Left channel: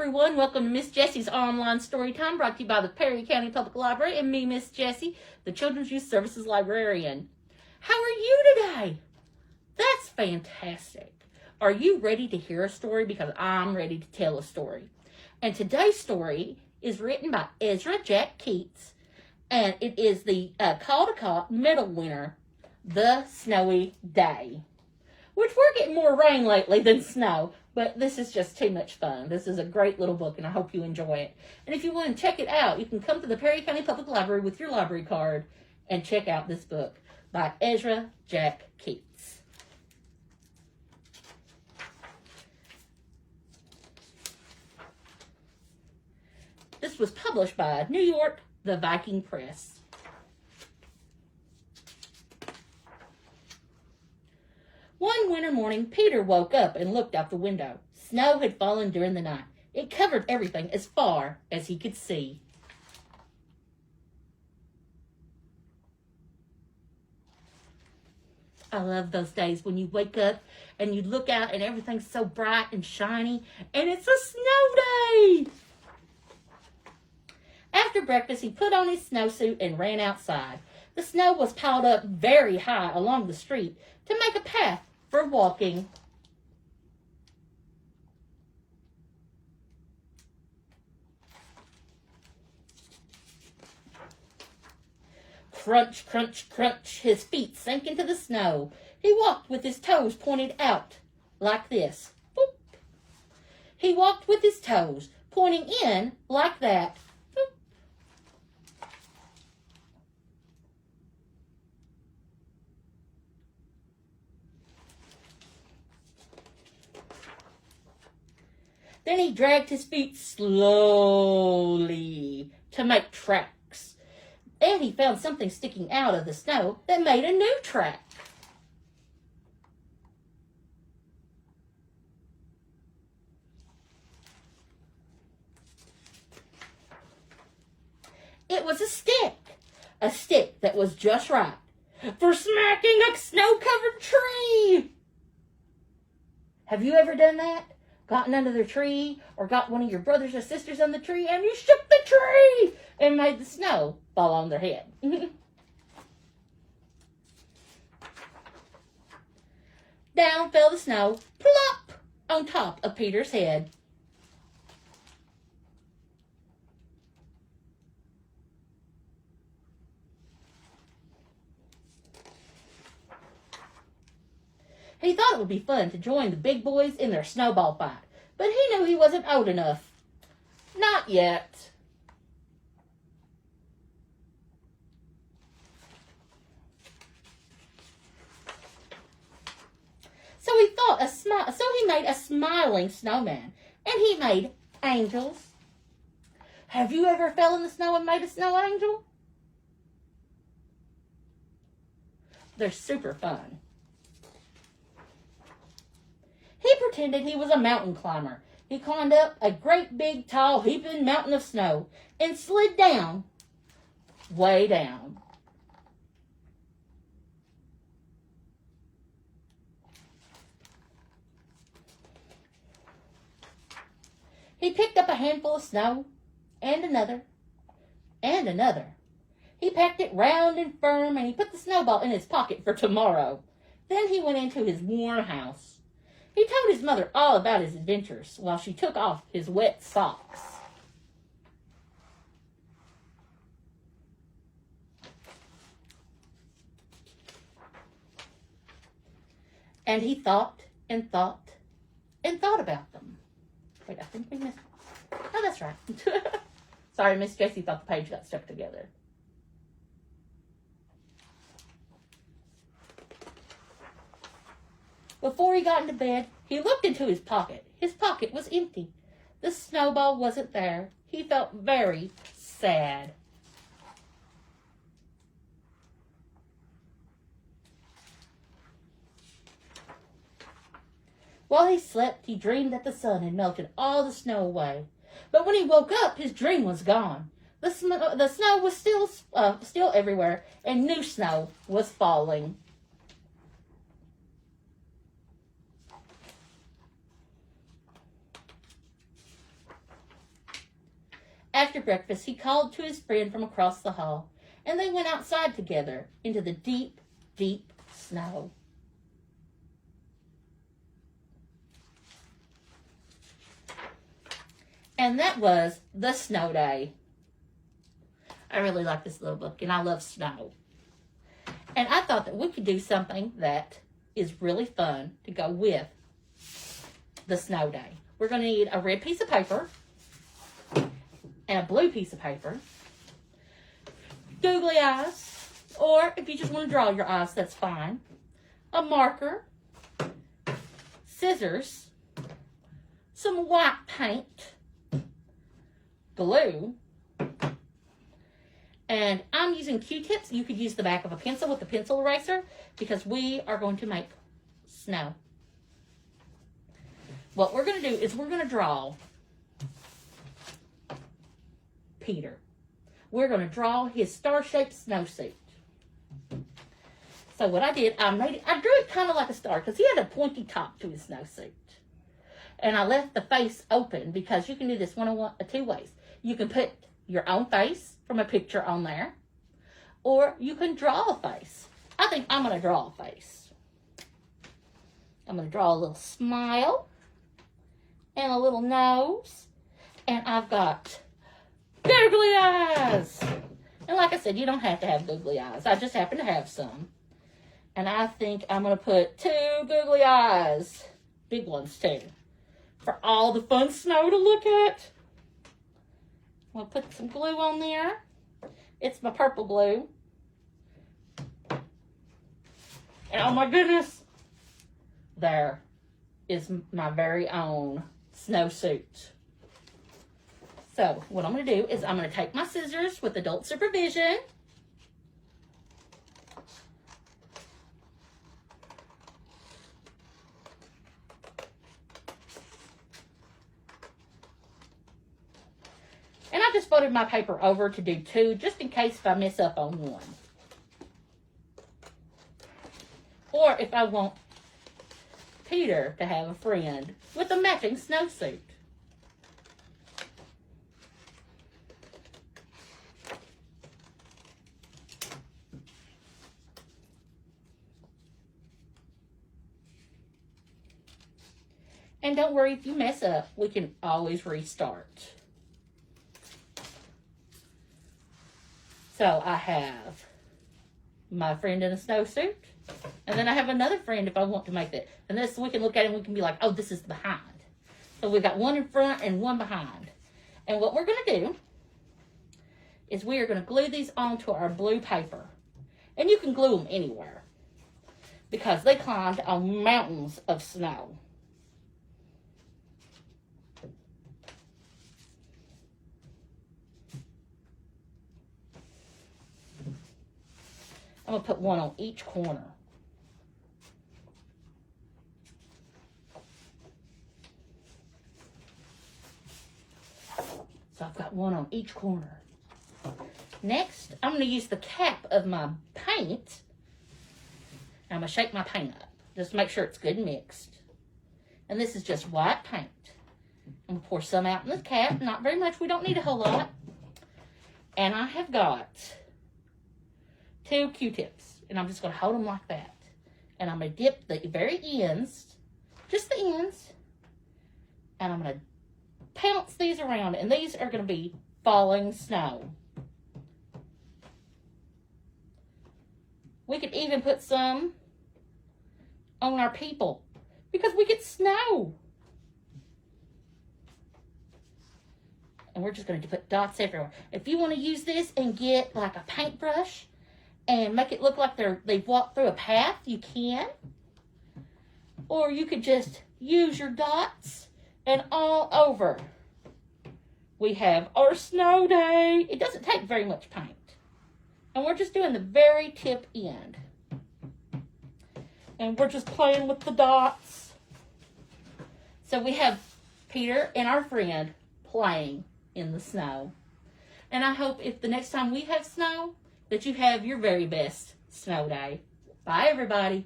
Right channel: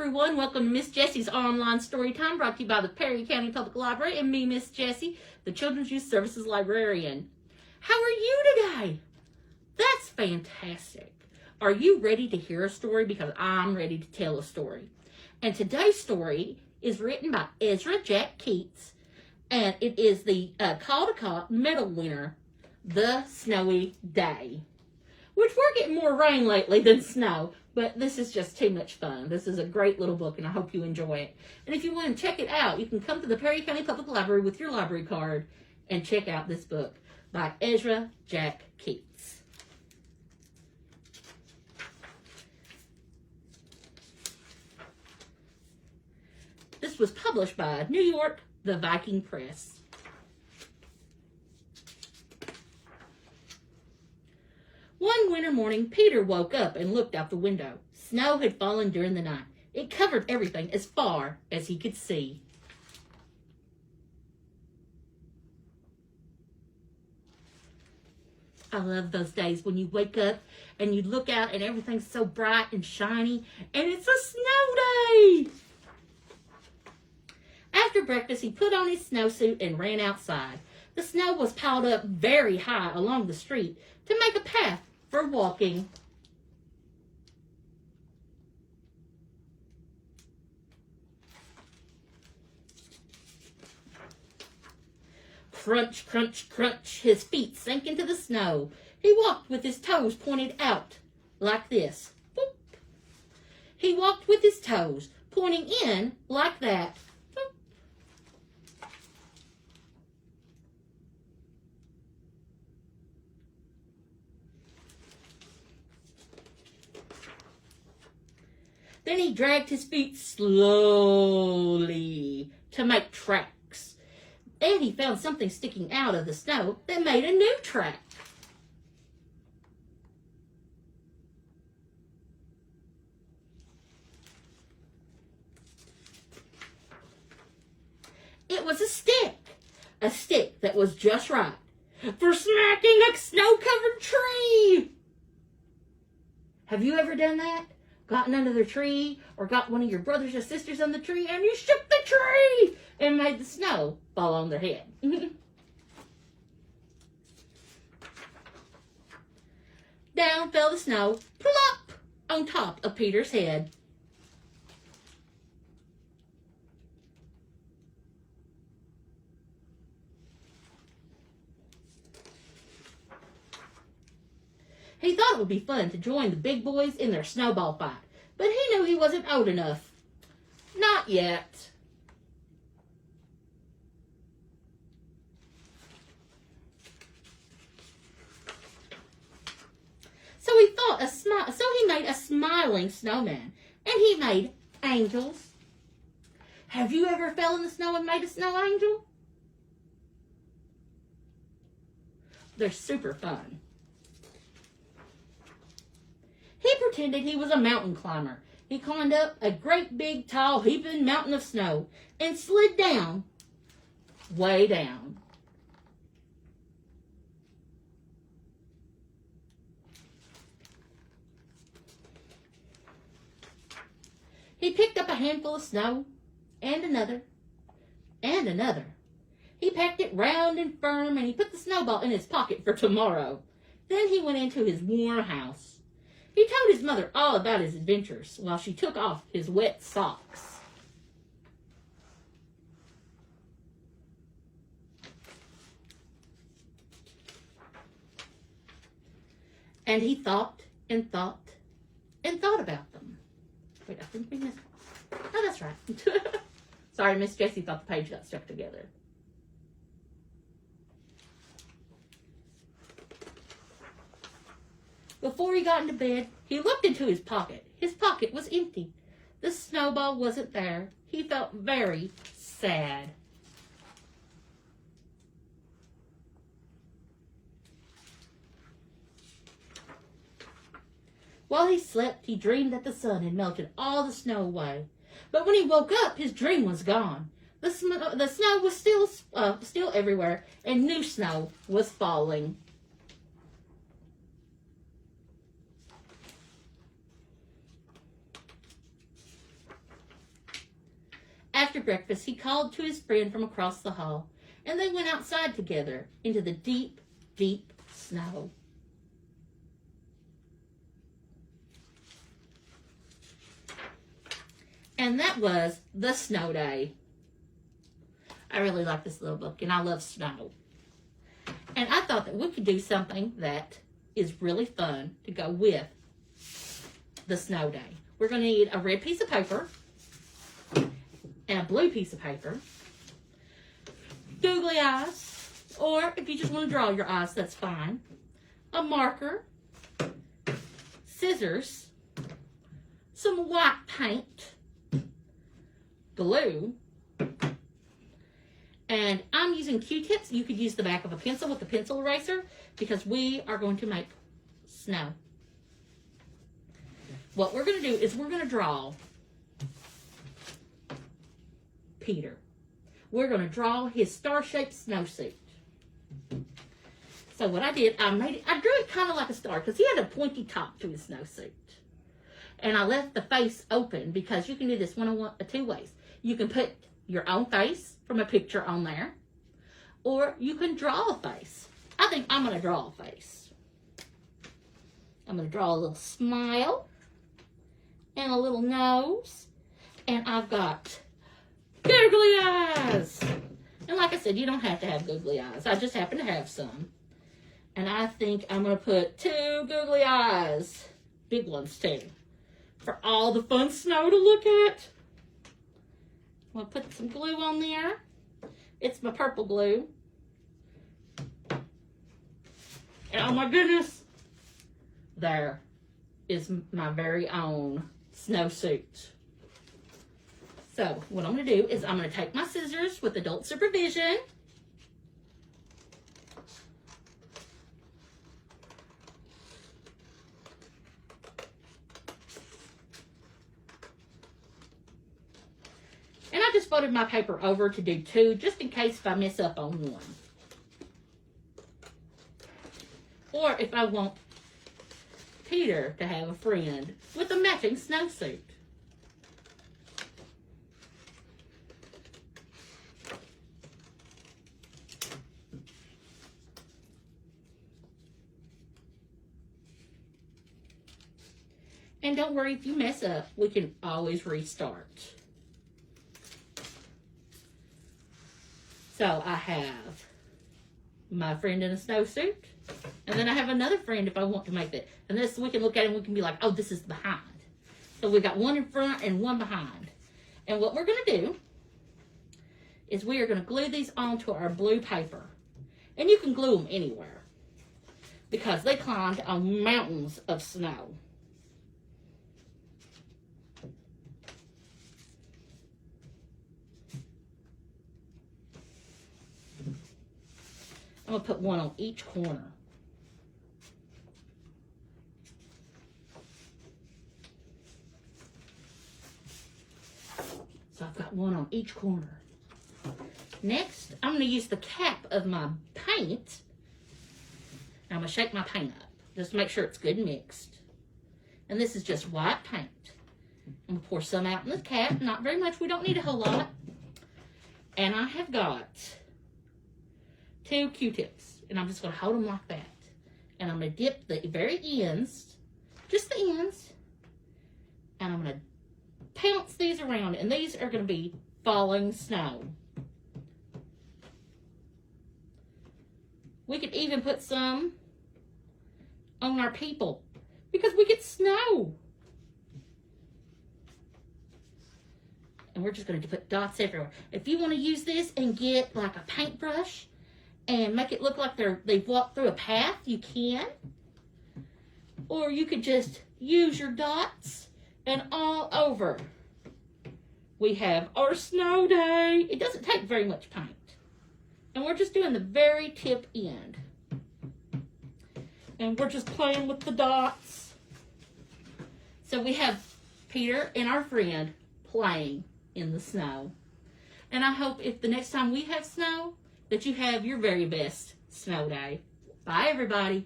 everyone. Welcome to Miss Jessie's Online Story Time, brought to you by the Perry County Public Library and me, Miss Jessie, the Children's Youth Services Librarian. How are you today? That's fantastic. Are you ready to hear a story? Because I'm ready to tell a story. And today's story is written by Ezra Jack Keats, and it is the Caldecott Medal winner, The Snowy Day. Which we're getting more rain lately than snow, but this is just too much fun. This is a great little book, and I hope you enjoy it. And if you want to check it out, you can come to the Perry County Public Library with your library card and check out this book by Ezra Jack Keats. This was published by New York, the Viking Press. One winter morning, Peter woke up and looked out the window. Snow had fallen during the night. It covered everything as far as he could see. I love those days when you wake up and you look out and everything's so bright and shiny, and it's a snow day! After breakfast, he put on his snowsuit and ran outside. The snow was piled up very high along the street to make a path for walking. Crunch, crunch, crunch, his feet sank into the snow. He walked with his toes pointed out, like this. Boop. He walked with his toes pointing in, like that. Boop. Then he dragged his feet slowly to make tracks. And he found something sticking out of the snow that made a new track. It was a stick that was just right for smacking a snow-covered tree. Have you ever done that? Gotten under the tree, or got one of your brothers or sisters on the tree, and you shook the tree and made the snow fall on their head. Down fell the snow, plop, on top of Peter's head. He thought it would be fun to join the big boys in their snowball fight, but he knew he wasn't old enough. Not yet. So he made a smiling snowman, and he made angels. Have you ever fell in the snow and made a snow angel? They're super fun. He pretended he was a mountain climber. He climbed up a great big tall heaping mountain of snow and slid down, way down. He picked up a handful of snow, and another, and another. He packed it round and firm, and he put the snowball in his pocket for tomorrow. Then he went into his warm house. He told his mother all about his adventures while she took off his wet socks. And he thought and thought and thought about them. Wait, I think we missed. Oh, that's right. Sorry, Miss Jessie thought the page got stuck together. Before he got into bed, he looked into his pocket. His pocket was empty. The snowball wasn't there. He felt very sad. While he slept, he dreamed that the sun had melted all the snow away. But when he woke up, his dream was gone. The snow was still everywhere, and new snow was falling. After breakfast, he called to his friend from across the hall, and they went outside together into the deep, deep snow. And that was The Snow Day. I really like this little book, and I love snow. And I thought that we could do something that is really fun to go with the snow day. We're going to need a red piece of paper and a blue piece of paper, googly eyes, or if you just want to draw your eyes, that's fine, a marker, scissors, some white paint, glue, and I'm using Q-tips. You could use the back of a pencil with a pencil eraser because we are going to make snow. What we're going to do is we're going to draw Peter. We're going to draw his star-shaped snowsuit. So what I did, I drew it kind of like a star because he had a pointy top to his snowsuit. And I left the face open because you can do this two ways. You can put your own face from a picture on there, or you can draw a face. I think I'm going to draw a face. I'm going to draw a little smile and a little nose, and I've got googly eyes. And like I said, you don't have to have googly eyes. I just happen to have some. And I think I'm going to put 2 googly eyes, big ones too, for all the fun snow to look at. I'm going to put some glue on there. It's my purple glue. And oh my goodness, there is my very own snowsuit. So what I'm going to do is I'm going to take my scissors with adult supervision. And I just folded my paper over to do 2, just in case if I mess up on one. Or if I want Peter to have a friend with a matching snowsuit. And don't worry if you mess up, we can always restart. So I have my friend in a snowsuit, and then I have another friend if I want to make that. And this, we can look at it and we can be like, oh, this is behind. So we got one in front and one behind. And what we're going to do is we are going to glue these onto our blue paper. And you can glue them anywhere because they climbed on mountains of snow. I'm going to put one on each corner. So I've got one on each corner. Next, I'm going to use the cap of my paint. And I'm going to shake my paint up just to make sure it's good and mixed. And this is just white paint. I'm going to pour some out in the cap. Not very much. We don't need a whole lot. And I have got 2 Q-tips, and I'm just going to hold them like that. And I'm going to dip the very ends, just the ends, and I'm going to pounce these around, and these are going to be falling snow. We could even put some on our people because we get snow. And we're just going to put dots everywhere. If you want to use this and get like a paintbrush and make it look like they've walked through a path, you can. Or you could just use your dots and all over. We have our snow day. It doesn't take very much paint. And we're just doing the very tip end. And we're just playing with the dots. So we have Peter and our friend playing in the snow. And I hope if the next time we have snow, that you have your very best snow day. Bye, everybody.